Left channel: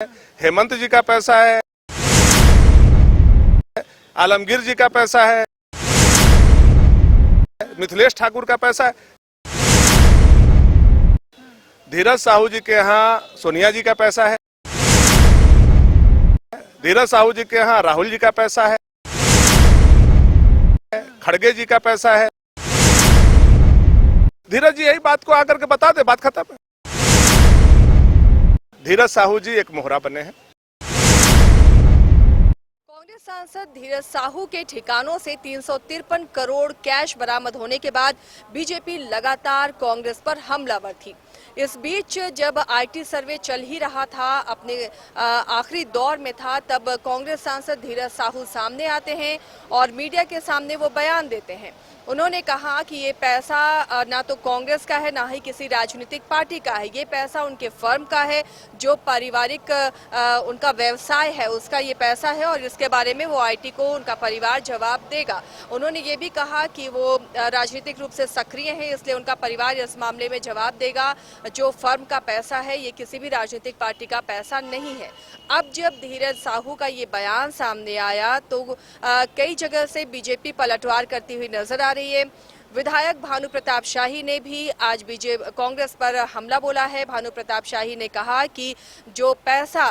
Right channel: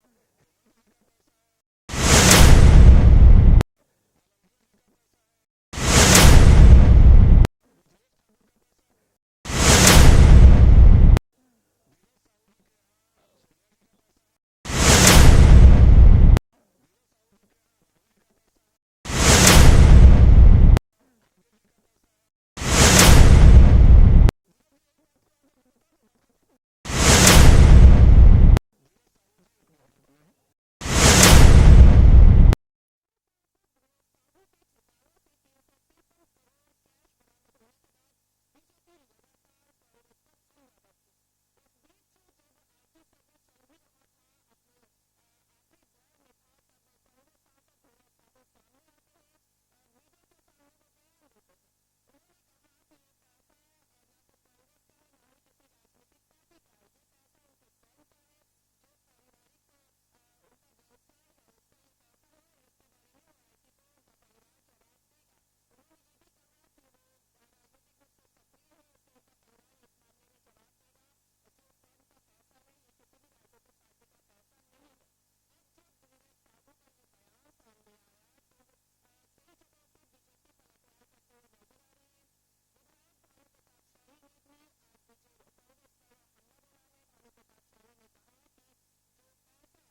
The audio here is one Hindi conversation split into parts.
हेमंत जी का पैसा है, आलमगीर जी का पैसा है, मिथिलेश ठाकुर का पैसा है, धीरज साहू जी के यहाँ सोनिया जी का पैसा है, धीरज साहू जी के यहाँ राहुल जी का पैसा है, खड़गे जी का पैसा है। धीरज जी यही बात को आकर के बता दे, बात खत्म है। धीरज साहू जी एक मोहरा बने हैं। कांग्रेस सांसद धीरज साहू के ठिकानों से 353 करोड़ कैश बरामद होने के बाद बीजेपी लगातार कांग्रेस पर हमलावर थी। इस बीच जब आईटी सर्वे चल ही रहा था, अपने आखिरी दौर में था, तब कांग्रेस सांसद धीरज साहू सामने आते हैं और मीडिया के सामने वो बयान देते हैं। उन्होंने कहा कि ये पैसा ना तो कांग्रेस का है, ना ही किसी राजनीतिक पार्टी का है। ये पैसा उनके फर्म का है, जो पारिवारिक उनका व्यवसाय है, उसका ये पैसा है और इसके बारे में वो आईटी को उनका परिवार जवाब देगा। उन्होंने ये भी कहा कि वो राजनीतिक रूप से सक्रिय हैं, इसलिए उनका परिवार इस मामले में जवाब देगा। जो फर्म का पैसा है, ये किसी भी राजनीतिक पार्टी का पैसा नहीं है। अब जब धीरज साहू का ये बयान सामने आया तो कई जगह से बीजेपी पलटवार करती हुई नजर आ रही है। विधायक भानु प्रताप शाही ने भी आज कांग्रेस पर हमला बोला है। भानु प्रताप शाही ने कहा कि जो पैसा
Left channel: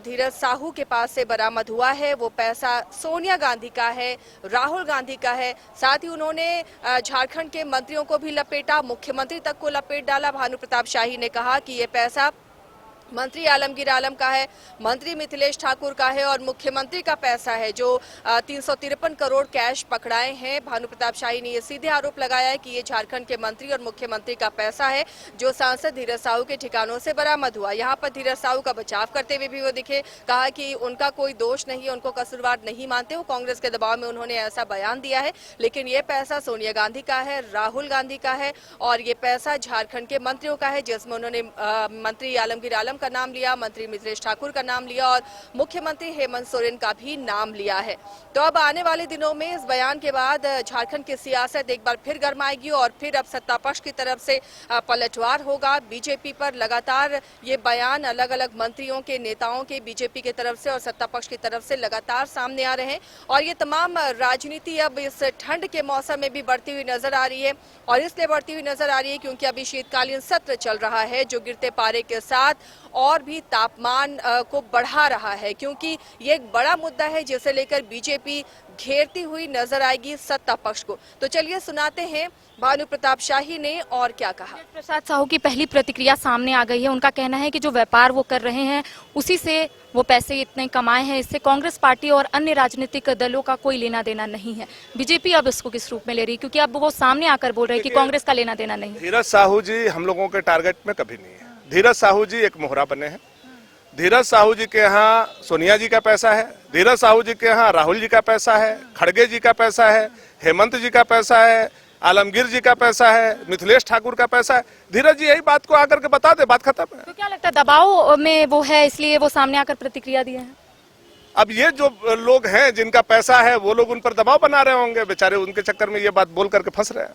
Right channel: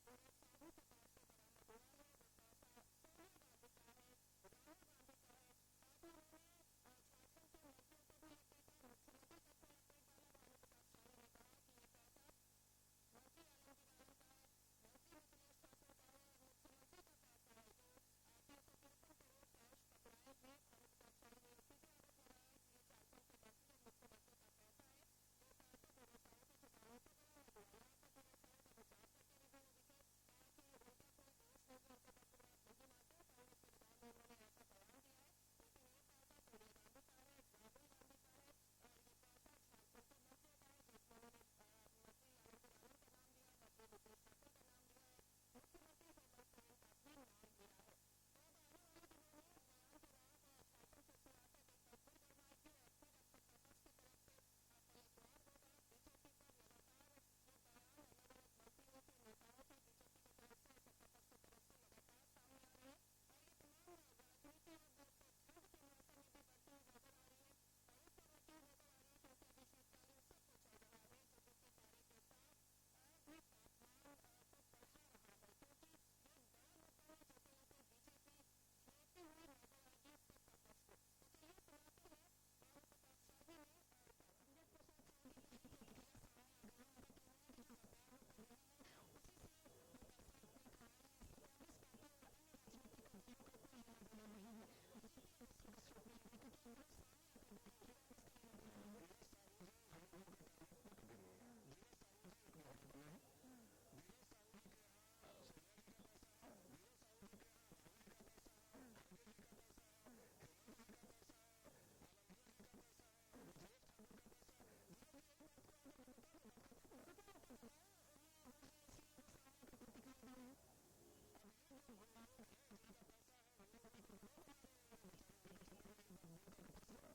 धीरज साहू के पास से बरामद हुआ है, वो पैसा सोनिया गांधी का है, राहुल गांधी का है। साथ ही उन्होंने झारखंड के मंत्रियों को भी लपेटा, मुख्यमंत्री तक को लपेट डाला। भानु प्रताप शाही ने कहा कि ये पैसा मंत्री आलमगीर आलम का है, मंत्री मिथिलेश ठाकुर का है और मुख्यमंत्री का पैसा है, जो 353 करोड़ कैश पकड़ाए हैं। भानु प्रताप शाही ने ये सीधे आरोप लगाया है कि ये झारखंड के मंत्री और मुख्यमंत्री का पैसा है, जो सांसद धीरज साहू के ठिकानों से बरामद हुआ। यहाँ पर धीरज साहू का बचाव करते हुए भी वो दिखे, कहा कि उनका कोई दोष नहीं, उनको कसूरवार नहीं मानते, वो कांग्रेस के दबाव में उन्होंने ऐसा बयान दिया है। लेकिन ये पैसा सोनिया गांधी का है, राहुल गांधी का है और ये पैसा झारखंड के मंत्रियों का है, जिसमें उन्होंने मंत्री आलमगीर आलम का नाम लिया, मंत्री मिथिलेश ठाकुर का नाम लिया और मुख्यमंत्री हेमंत सोरेन का भी नाम लिया है। तो अब आने वाले दिनों में इस बयान के बाद झारखंड की सियासत एक बार फिर गर्माएगी और फिर अब सत्ता पक्ष की तरफ से पलटवार होगा। बीजेपी पर लगातार ये बयान अलग अलग मंत्रियों के, नेताओं के, बीजेपी की तरफ से और सत्ता पक्ष की तरफ से लगातार सामने आ रहे हैं और ये तमाम राजनीति अब इस ठंड के मौसम में भी बढ़ती हुई नजर आ रही है। और इसलिए बढ़ती हुई नजर आ रही है क्योंकि अभी शीतकालीन सत्र चल रहा है, जो गिरते पारे के साथ और भी तापमान को बढ़ा रहा है, क्योंकि ये एक बड़ा मुद्दा है जिसे लेकर बीजेपी घेरती हुई नजर आएगी सत्ता पक्ष को। तो चलिए सुनाते हैं भानु प्रताप शाही ने और क्या कहा। प्रसाद साहू की पहली प्रतिक्रिया सामने आ गई है। उनका कहना है कि जो व्यापार वो कर रहे हैं, उसी से वो पैसे इतने कमाए हैं, इससे कांग्रेस पार्टी और अन्य राजनीतिक दलों का कोई लेना देना नहीं है। बीजेपी अब इसको किस रूप में ले रही, क्योंकि अब वो सामने आकर बोल रहे हैं कि कांग्रेस का लेना देना नहीं है। धीरज साहू जी हम लोगों के टारगेट में कभी नहीं है। धीरज साहू जी एक मोहरा बने हैं। धीरज साहू जी के यहाँ सोनिया जी का पैसा है, धीरज साहू जी के यहाँ राहुल जी का पैसा है, खड़गे जी का पैसा है, हेमंत जी का पैसा है, आलमगीर जी का पैसा है, मिथिलेश ठाकुर का पैसा है। धीरज जी यही बात को आकर के बता दे, बात खत्म है। तो क्या लगता है दबाव में वो है, इसलिए वो सामने आकर प्रतिक्रिया दिए हैं? अब ये जो लोग हैं जिनका पैसा है, वो लोग उन पर दबाव बना रहे होंगे, बेचारे उनके चक्कर में ये बात बोल करके फंस रहे हैं।